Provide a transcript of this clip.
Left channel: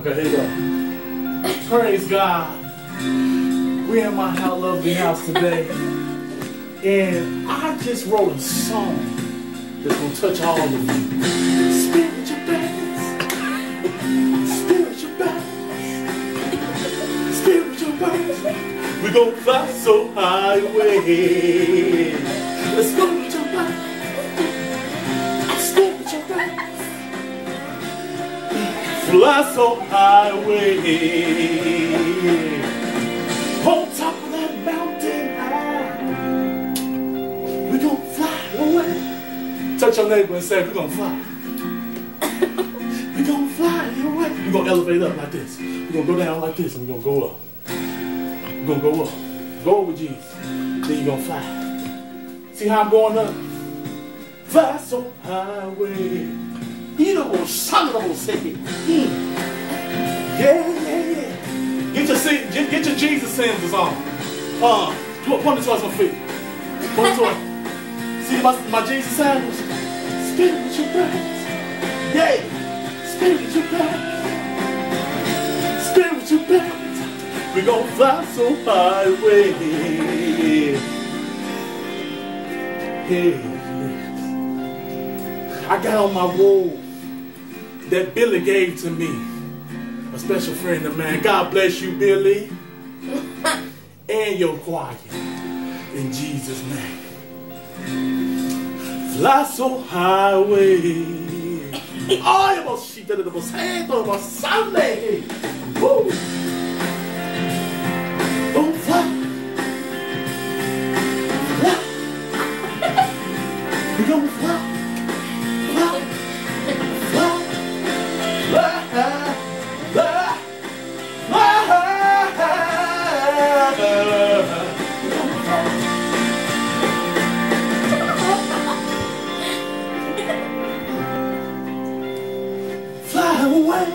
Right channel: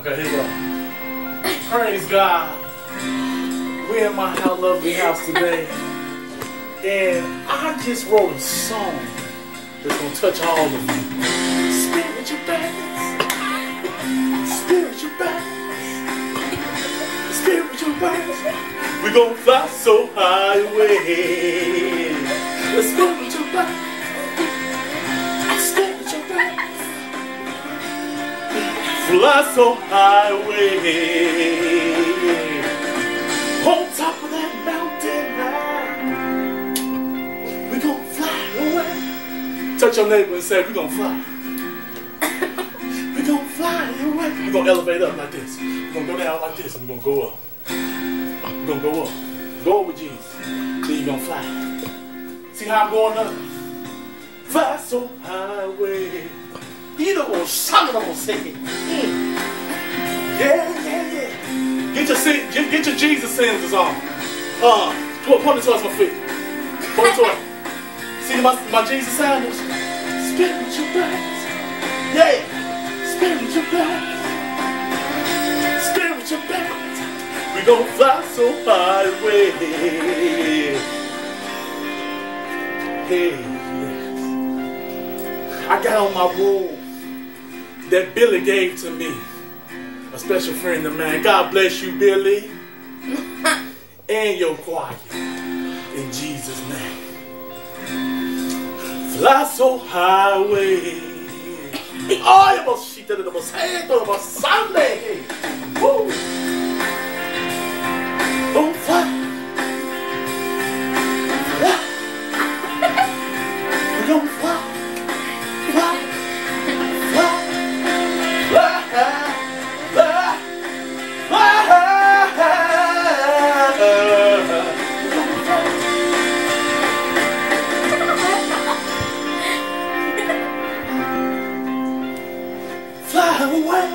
Okay, here we go. Praise God. We're in my lovely house today. And I just wrote a song that's going to touch all of you. Spiritual battles. Spiritual battles. Spiritual battles. We're going to fly so high away. The spiritual battles. Spiritual battles. Fly so high away. On top of that mountain high, we're gonna fly away. Touch your neighbor and say, we're gonna fly. We're gonna fly away. We're gonna elevate up like this. We're gonna go down like this and we're gonna go up. We're gonna go up. Go up with Jesus. Then you're gonna fly. See how I'm going up? Fly so high away. You know what I'm gonna say it. Yeah. Get your Jesus sins on. Point it towards my feet. Point it towards. See my Jesus sandals? Spiritual battles. Yeah. Spiritual battles. Spiritual battles. We're gonna fly so high away. Yeah. I got on my robe that Billy gave to me. A special friend of mine. God bless you, Billy. And your choir. In Jesus' name. Fly so high away. Oh, you must see that it was hand over Sunday. Woo. Oh, fly. Fly. We're gonna fly. Fly. Fly. Fly. Fly away.